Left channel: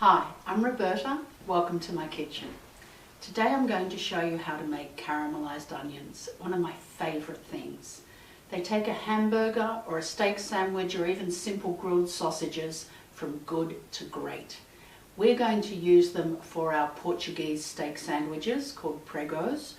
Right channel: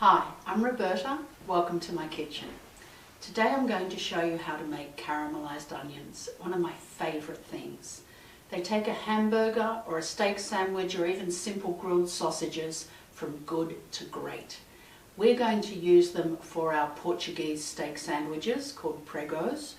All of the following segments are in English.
Hi, I'm Roberta. Welcome to my kitchen. Today I'm going to show you how to make caramelized onions, one of my favorite things. They take a hamburger or a steak sandwich or even simple grilled sausages from good to great. We're going to use them for our Portuguese steak sandwiches called pregos,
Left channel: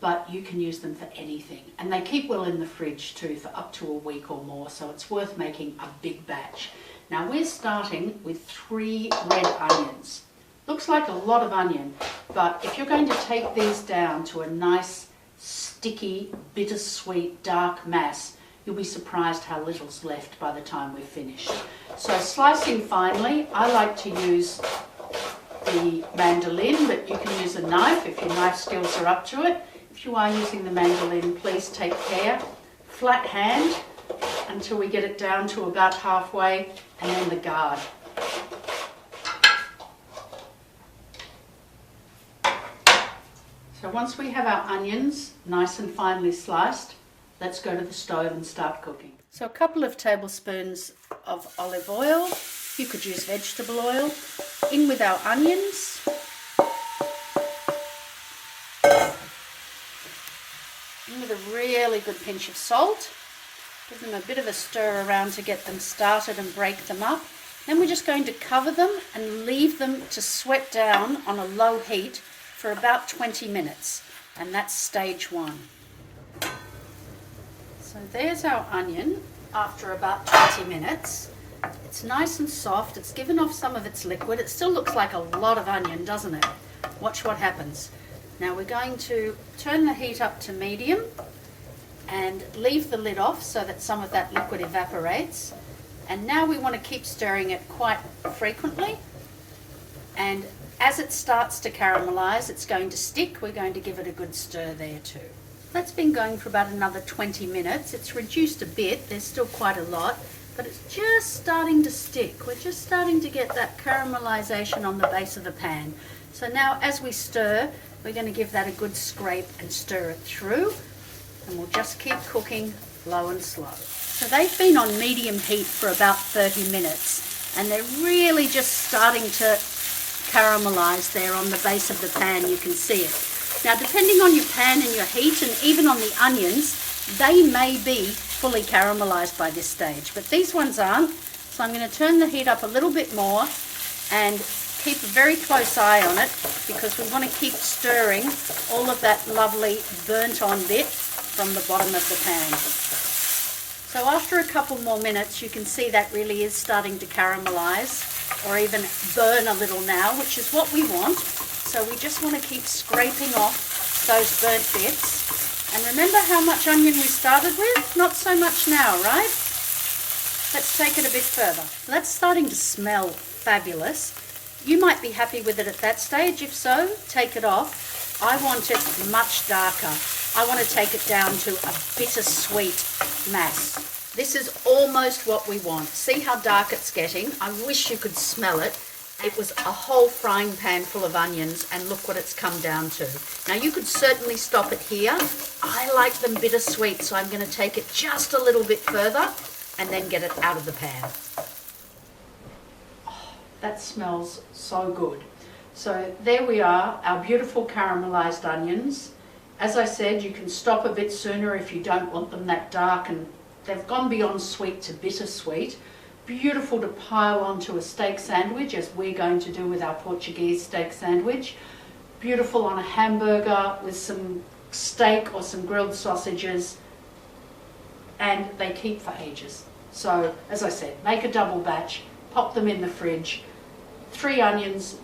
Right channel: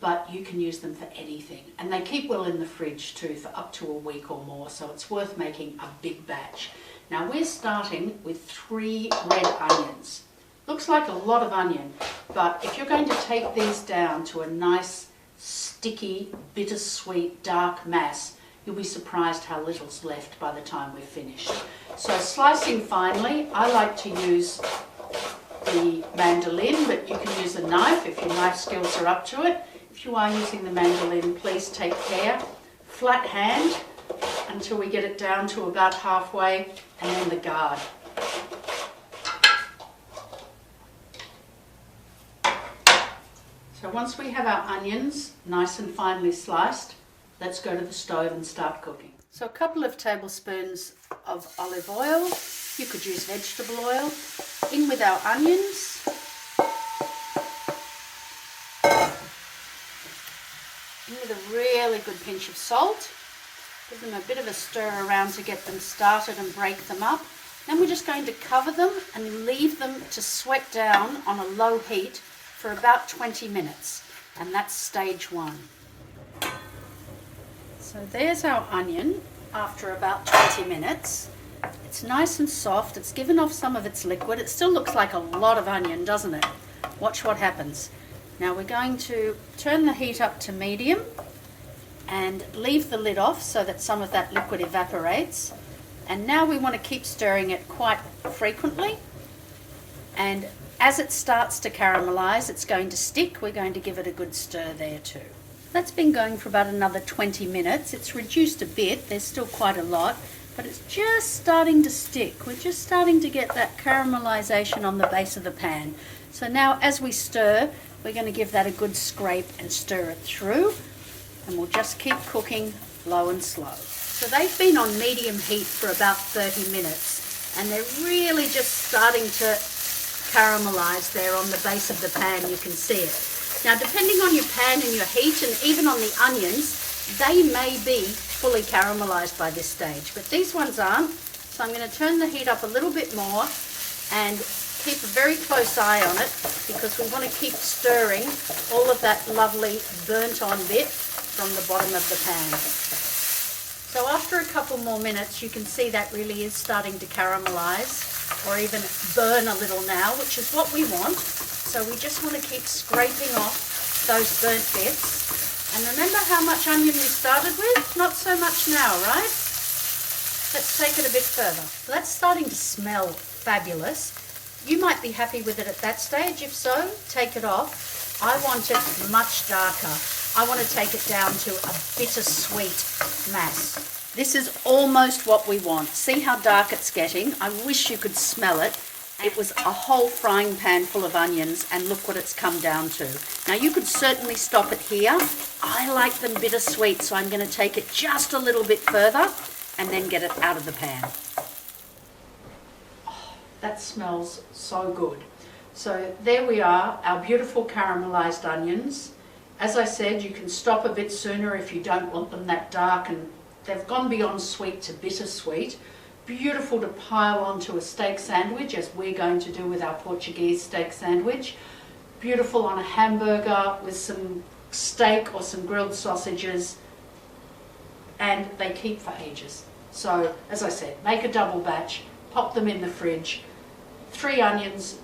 but you can use them for anything. And they keep well in the fridge too for up to a week or more, so it's worth making a big batch. Now we're starting with 3 red onions. Looks like a lot of onion, but if you're going to take these down to a nice, sticky, bittersweet, dark mass, you'll be surprised how little's left by the time we're finished. So slicing finely, I like to use the mandolin, but you can use a knife if your knife skills are up to it. If you are using the mandolin, please take care. Flat hand until we get it down to about halfway, and then the guard. So once we have our onions nice and finely sliced, let's go to the stove and start cooking. So a couple of tablespoons of olive oil, you could use vegetable oil, in with our onions. In with a really good pinch of salt. Give them a bit of a stir around to get them started and break them up. Then we're just going to cover them and leave them to sweat down on a low heat for about 20 minutes. And that's stage 1. So there's our onion after about 20 minutes. It's nice and soft. It's given off some of its liquid. It still looks like a lot of onion, doesn't it? Watch what happens. Now we're going to turn the heat up to medium and leave the lid off so that some of that liquid evaporates. And now we want to keep stirring it quite frequently. And as it starts to caramelize, it's going to stick. We're going to give it a good stir there too. That's been going for about another 20 minutes. It's reduced a bit. There's still quite a lot, but it's just starting to stick. We're just starting to get that caramelization on the base of the pan. So now as we stir, we're going to give that a good scrape and stir it through. And we'll just keep cooking low and slow. So they've been on medium heat for about 30 minutes and they're really just starting to caramelize there on the base of the pan. You can see it. Now depending on your pan and your heat and even on the onions, they may be fully caramelized by this stage, but these ones aren't. So I'm going to turn the heat up a little bit more and keep a very close eye on it because we want to keep stirring all of that lovely burnt on bit from the bottom of the pan. So after a couple more minutes, you can see that really is starting to caramelize or even burn a little now, which is what we want. So we just want to keep scraping off those burnt bits. And remember how much onion we started with? Not so much now, right? Let's take it a bit further. So that's starting to smell fabulous. You might be happy with it at that stage. If so, take it off. I want it much darker. I want to take it down to a bittersweet mass. This is almost what we want. See how dark it's getting? I wish you could smell it. It was a whole frying pan full of onions and look what it's come down to. Now you could certainly stop it here. I like them bittersweet, so I'm going to take it just a little bit further and then get it out of the pan. Oh, that smells so good. So there we are, our beautiful caramelized onions. As I said, you can stop a bit sooner if you don't want them that dark, and they've gone beyond sweet to bittersweet. Beautiful to pile onto a steak sandwich, as we're going to do with our Portuguese steak sandwich. Beautiful on a hamburger with some steak or some grilled sausages, and they keep for ages. So, as I said, make a double batch, pop them in the fridge. 3 onions,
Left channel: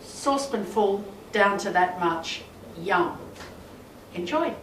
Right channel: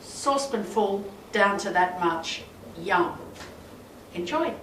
saucepan full, down to that much. Yum. Enjoy.